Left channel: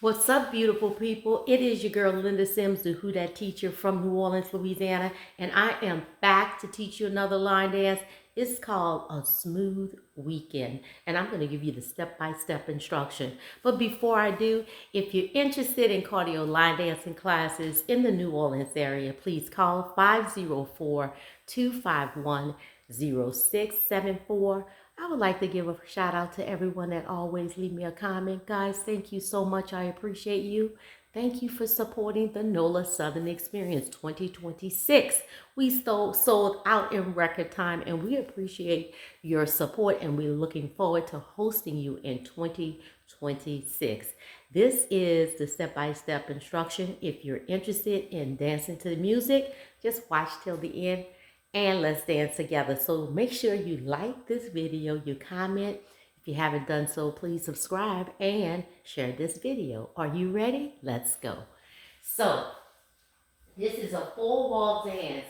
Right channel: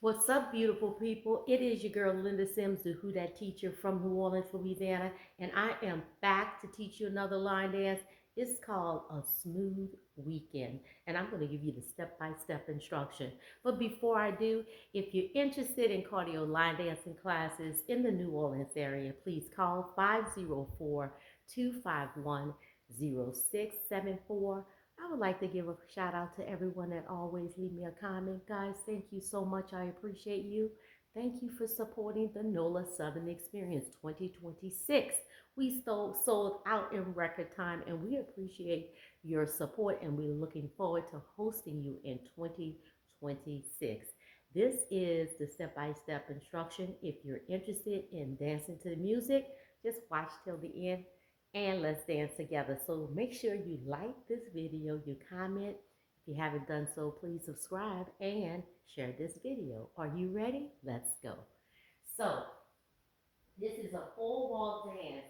What's up, beautiful people? It is your girl Linda Sims, the Who Dat teacher from New Orleans, Louisiana, and I am back to teach you another line dance. It's called a smooth weekend, and I'm going to give you the step-by-step instruction. But before I do, if you're interested in cardio line dancing classes in the New Orleans area, please call 504-251-0674. I would like to give a shout out to everyone that always leave me a comment. Guys, thank you so much. I appreciate you. Thank you for supporting the NOLA Southern Experience 2026. We sold out in record time, and we appreciate your support, and we're looking forward to hosting you in 2026. This is the step-by-step instruction. If you're interested in dancing to the music, just watch till the end and let's dance together. So make sure you like this video, you comment. If you haven't done so, please subscribe and share this video. Are you ready? Let's go. So this is a full wall dance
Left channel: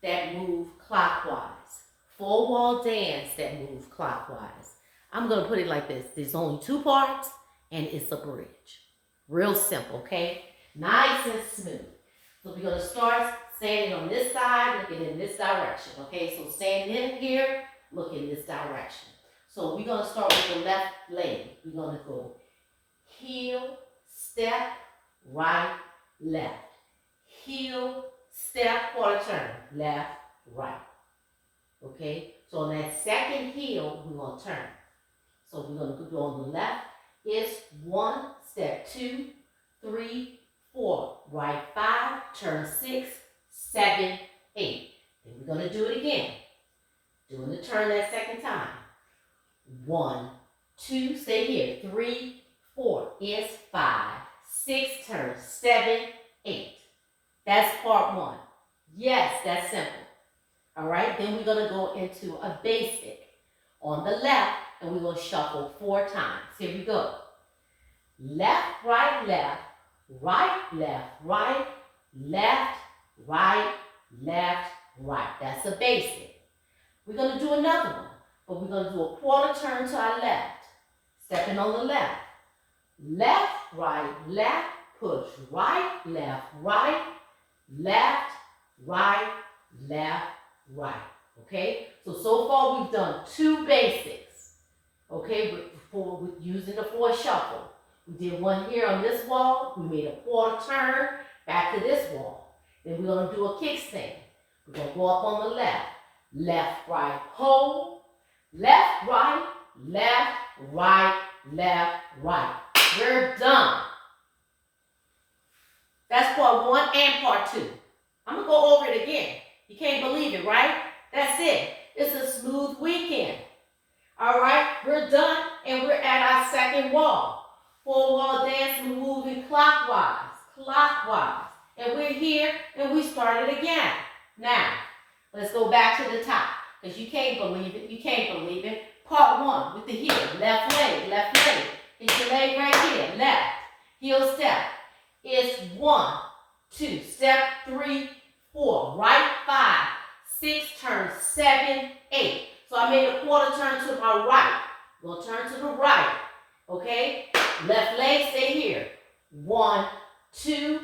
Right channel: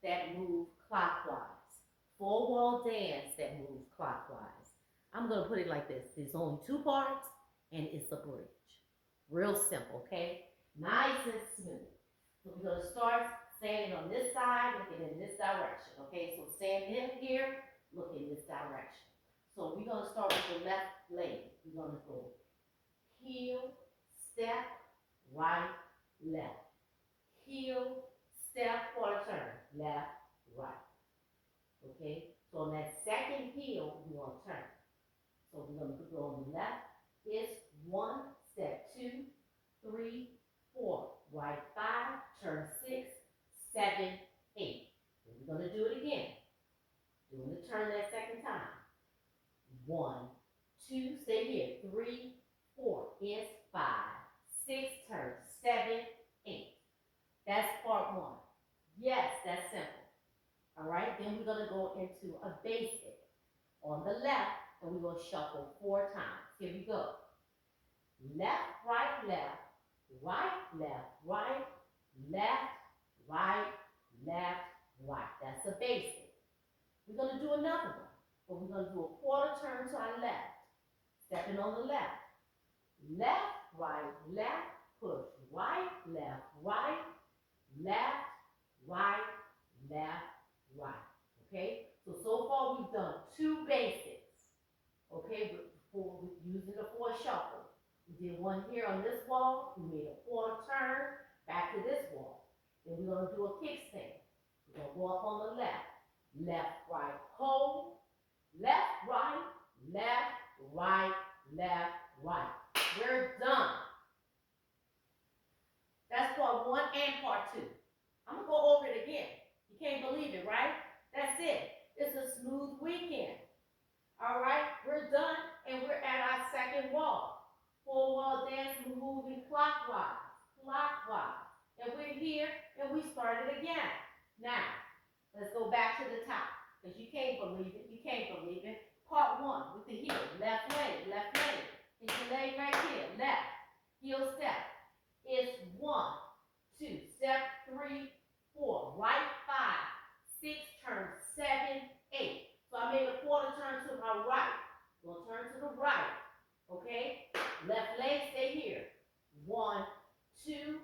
that move clockwise. Full wall dance that move clockwise. I'm going to put it like this. There's only two parts and it's a bridge. Real simple, okay? Nice and smooth. So we're going to start standing on this side, looking in this direction, okay? So stand in here, look in this direction. So we're going to start with the left leg. We're going to go heel, step, right, left. Heel, step, quarter turn, left, right. Okay? So on that second heel, we're going to turn. So we're going to go on the left. It's 1, step 2, 3, 4, right 5, turn 6, 7, 8. Then we're going to do it again. Doing the turn that second time. 1, 2, stay here. 3, 4, it's 5, 6, turn 7, 8. That's part 1. Yes, that's simple. All right, then we're going to go into a basic on the left, and we're going to shuffle 4 times. Here we go. Left, right, left, right, left, right, left, right, left, right. That's a basic. We're going to do another one, but we're going to do a quarter turn to our left. Stepping on the left. Left, right, push. Right, left, right, left, right. Okay? So far we've done 2 basics. Okay, with using the 4 shuffle. We did one here on this wall. We made a quarter turn back to this wall. Then we're going to do a kickstand. We're going to go up on the left. Left, right, hold. Left, right, left, right. We're done. That's part 1 and part 2. I'm going to go over it again. You can't believe it, right? That's it. It's a smooth weekend. All right, we're done, and we're at our second wall. Full wall dance, we're moving clockwise. And we're here, and we start it again. Now, let's go back to the top, because you can't believe it. Part 1 with the heel, left leg. Hit your leg right here, left. Heel step. It's 1, 2, step 3, 4, right 5, 6, turn 7, 8. So I made a quarter turn to my right. We'll turn to the right. Okay? Left leg, stay here. 1, 2,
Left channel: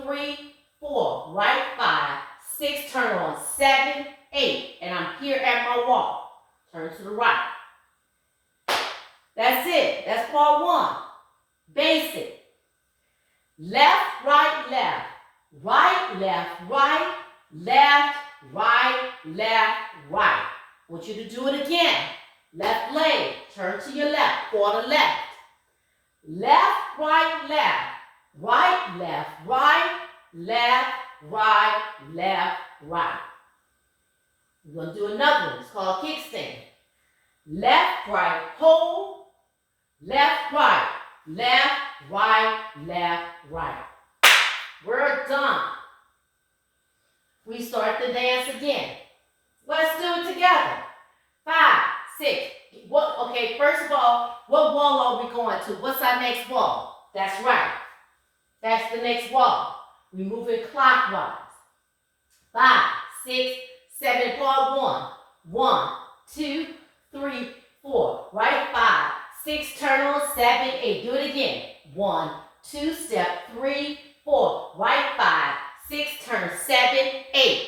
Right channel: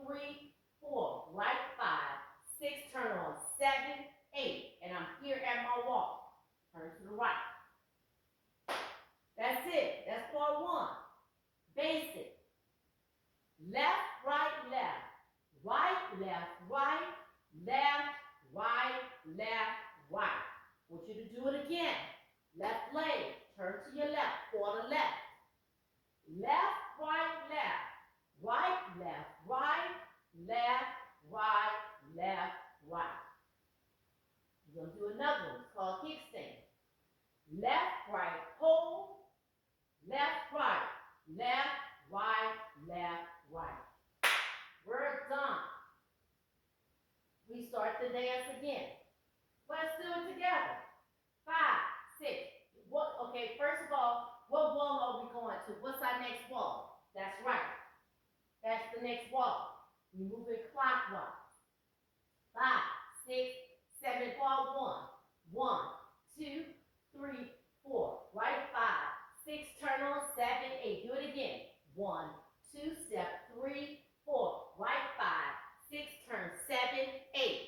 3, 4. Right 5, 6, turn on 7, 8. And I'm here at my wall. Turn to the right. That's it. That's part 1. Basic. Left, right, left. Right, left, right. Left, right. I want you to do it again. Left leg, turn to your left, quarter left. Left, right, left. Right, left, right. We're going to do another one. It's called kickstand. Left, right, hold. Left, right. We're done. We start the dance again. Let's do it together. 5, 6. Okay, first of all, what wall are we going to? What's our next wall? That's right. That's the next wall. We're moving clockwise. 5, 6, 7, part 1. 1, 2, 3, 4. Right 5, 6, turn on 7, 8. Do it again. 1, 2, step 3, 4. Right 5, 6, turn 7, 8.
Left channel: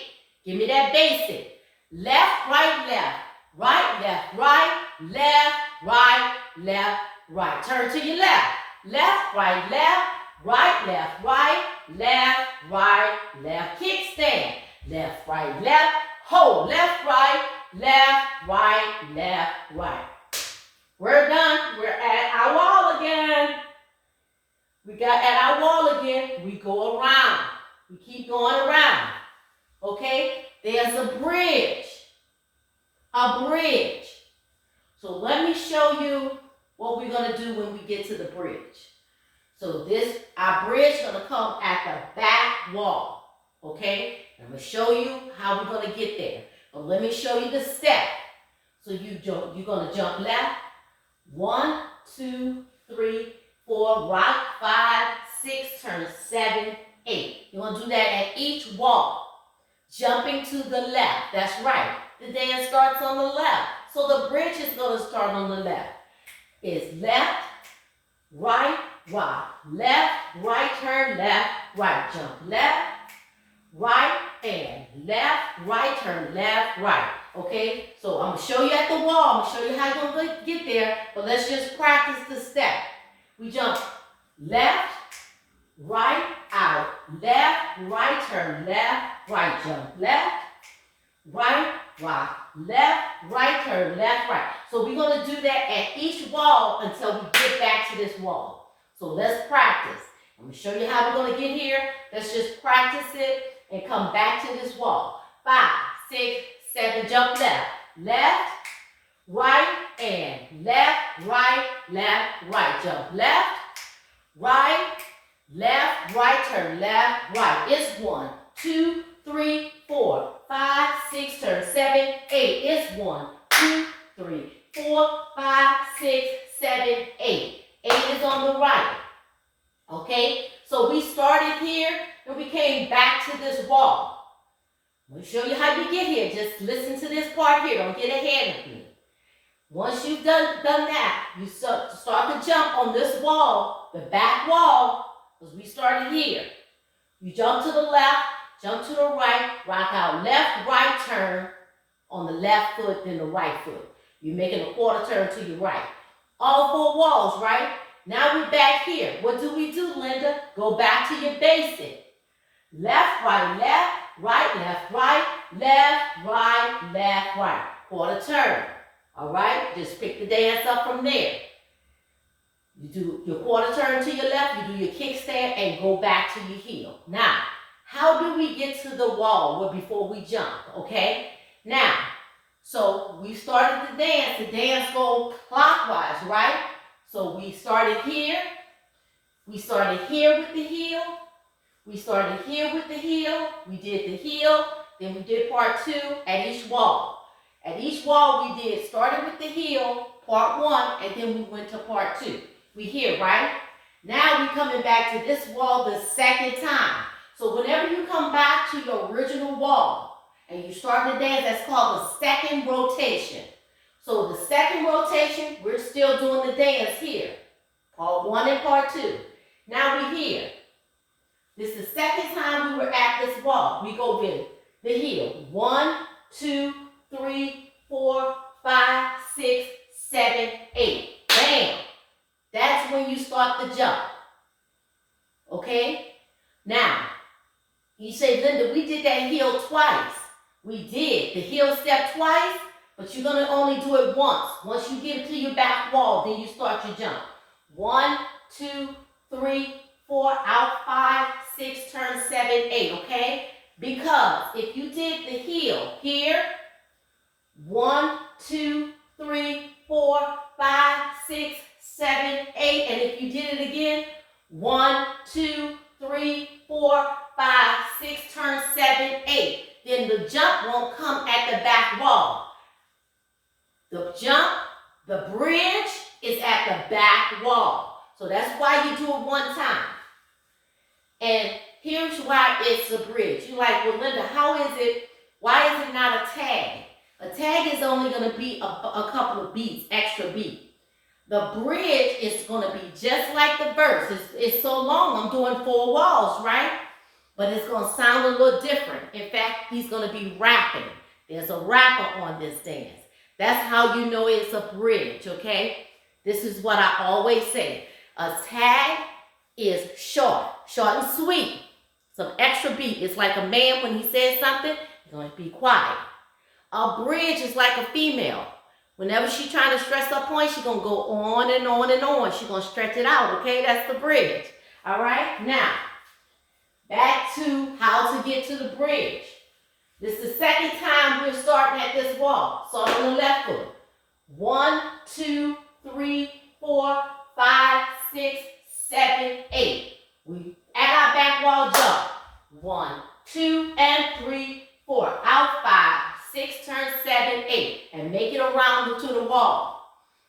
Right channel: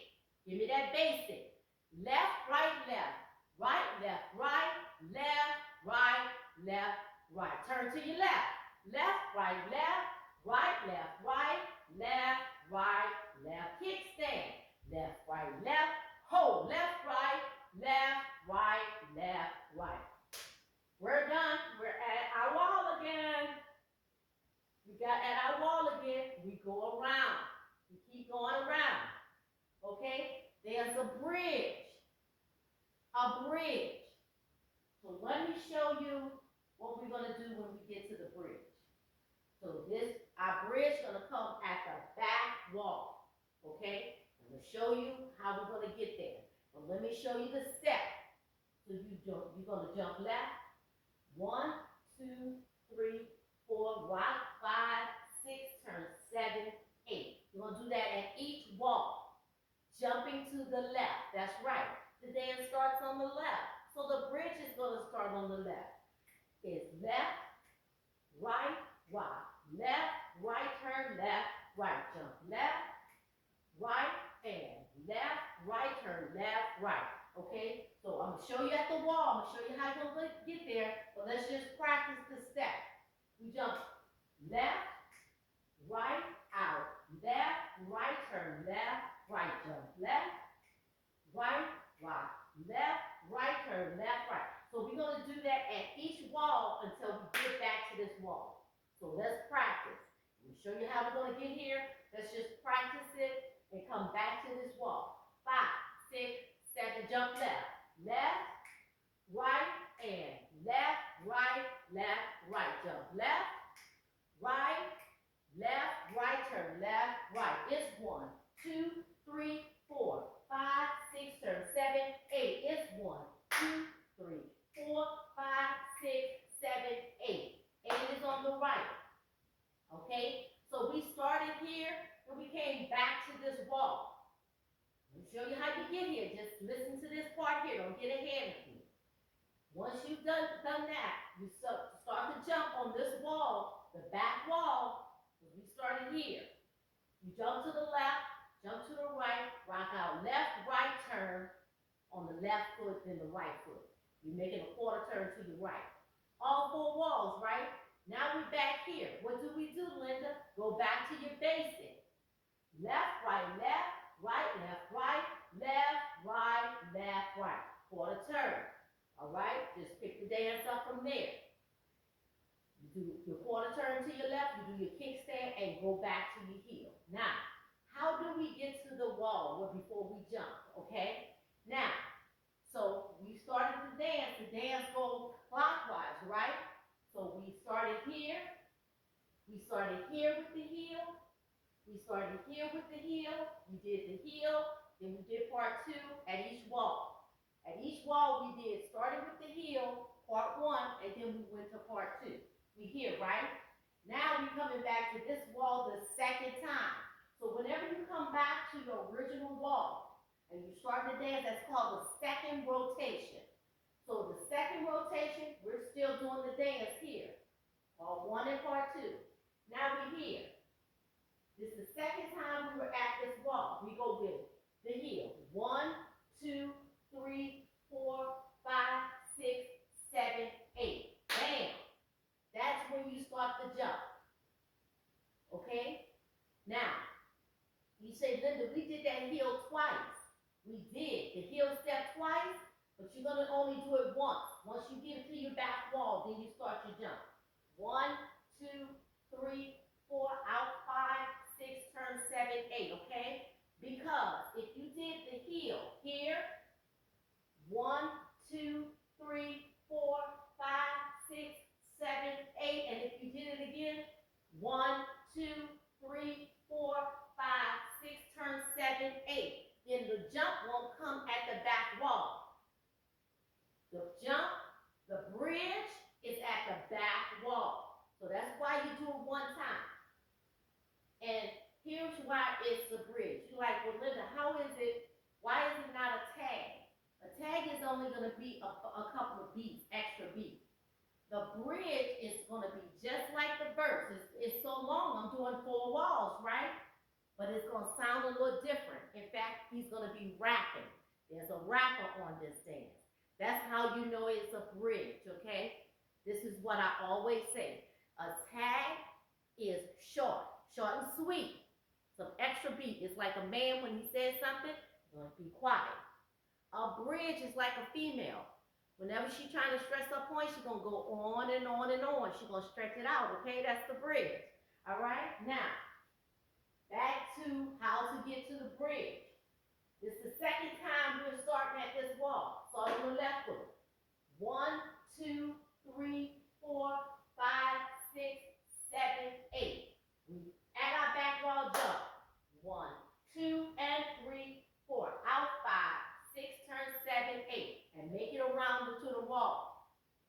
Give me that basic. Left, right, left. Right, left, right. Left, right, left, right. Turn to your left. Left, right, left. Right, left, right. Left, right, left. Kickstand. Left, right, left. Hold. Left, right. Left, right, left, right. We're done. We're at our wall again. We got at our wall again. We go around. We keep going around. Okay? There's a bridge. A bridge. So let me show you what we're going to do when we get to the bridge. So our bridge is going to come at the back wall. Okay? I'm going to show you how we're going to get there. But let me show you the step. So you're going to jump left. 1, 2, 3, 4, rock, 5, 6, turn 7, 8. You're going to do that at each wall. Jumping to the left. That's right. The dance starts on the left. So the bridge is going to start on the left. It's left, right, rock. Left, right, turn, left, right. Jump left, right, and left, right, turn, left, right. Okay? So I'm going to show you at the wall. I'm going to show you how you're going to get there. But let's just practice the step. We jump left, right, out. Left, right, turn, left, right. Jump left, right, rock. Left, right, turn, left, right. So we're going to do that at each wall until we get back to this wall. So let's practice. I'm going to show you how we're going to get here. Let's just practice it and come back to this wall. 5, 6, 7, jump left. Left, right, and left, right, jump left, right, turn left, right. It's 1, 2, 3, 4, 5, 6, turn 7, 8. It's 1, 2, 3, 4, 5, 6, 7, 8. 8 is on the right. Okay? So we started here and we came back to this wall. I'm going to show you how you get here. Just listen to this part here. Don't get ahead of me. Once you've done that, you start to jump on this wall, the back wall, because we started here. You jump to the left, jump to the right, rock out left, right turn on the left foot, then the right foot. You're making a quarter turn to your right. All 4 walls, right? Now we're back here. What do we do, Linda? Go back to your basic. Left, right, left, right, left, right. Quarter turn. All right? Just pick the dance up from there. You do your quarter turn to your left, you do your kickstand, and go back to your heel. Now, how do we get to the wall before we jump, okay? Now, so we started the dance goes clockwise, right? So we started here with the heel, we started here with the heel, we did the heel, then we did part 2 at each wall. At each wall we started with the heel, part 1, and then we went to part 2. We here, right? Now we're coming back to this wall the second time. So whenever you come back to your original wall and you start the dance, that's called the second rotation. So the second rotation, we're still doing the dance here. Part 1 and part 2. Now we're here. This is the second time we were at this wall. We go with the heel. 1, 2, 3, 4, 5, 6, 7, 8. Bam! That's when you start the jump. Okay? Now, you say, Linda, we did that heel twice. We did the heel step twice, but you're going to only do it once. Once you get to your back wall, then you start your jump. 1, 2, 3, 4, out 5, 6, turn 7, 8, okay? Because if you did the heel here, 1, 2, 3, 4, 5, 6, 7, 8, and if you did it again, 1, 2, 3, 4, 5, 6, turn 7, 8. Then the jump won't come at the back wall. The jump, the bridge is at the back wall. So that's why you do it one time. And here's why it's a bridge. You're like, well, Linda, why is it not a tag? A tag is only going to be a couple of beats, extra beat. The bridge is going to be just like the verse. It's so long, I'm doing 4 walls, right? But it's going to sound a little different. In fact, he's going to be rapping. There's a rapper on this dance. That's how you know it's a bridge, okay? This is what I always say. A tag is short and sweet. Some extra beat. It's like a man when he says something, he's going to be quiet. A bridge is like a female. Whenever she's trying to stress her point, she's going to go on and on and on. She's going to stretch it out, okay? That's the bridge. All right? Now, back to how to get to the bridge. This is the second time we're starting at this wall. Start on the left foot. 1, 2, 3, 4, 5, 6, 7, 8. We add our back wall jump. 1, 2, and 3, 4. Out 5, 6, turn 7, 8. And make it around to the wall.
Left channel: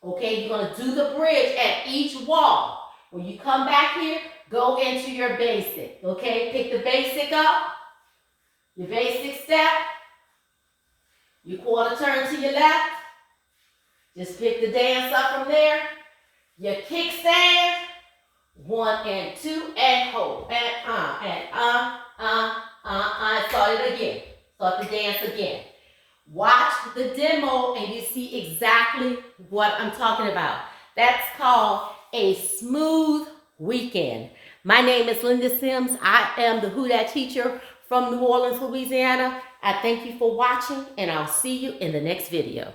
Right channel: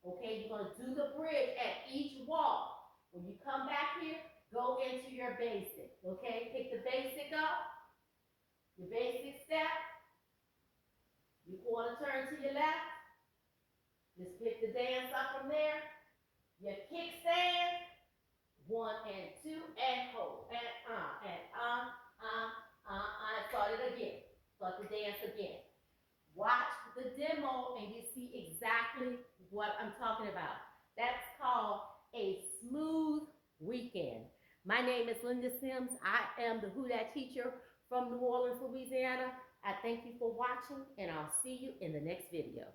Okay, you're going to do the bridge at each wall. When you come back here, go into your basic. Okay, pick the basic up. Your basic step. Your quarter turn to your left. Just pick the dance up from there. Your kickstand. 1 and 2 and hold. And start it again. Start the dance again. Watch the demo and you see exactly what I'm talking about. That's called a smooth weekend. My name is Linda Sims. I am the Who Dat teacher from New Orleans, Louisiana. I thank you for watching and I'll see you in the next video.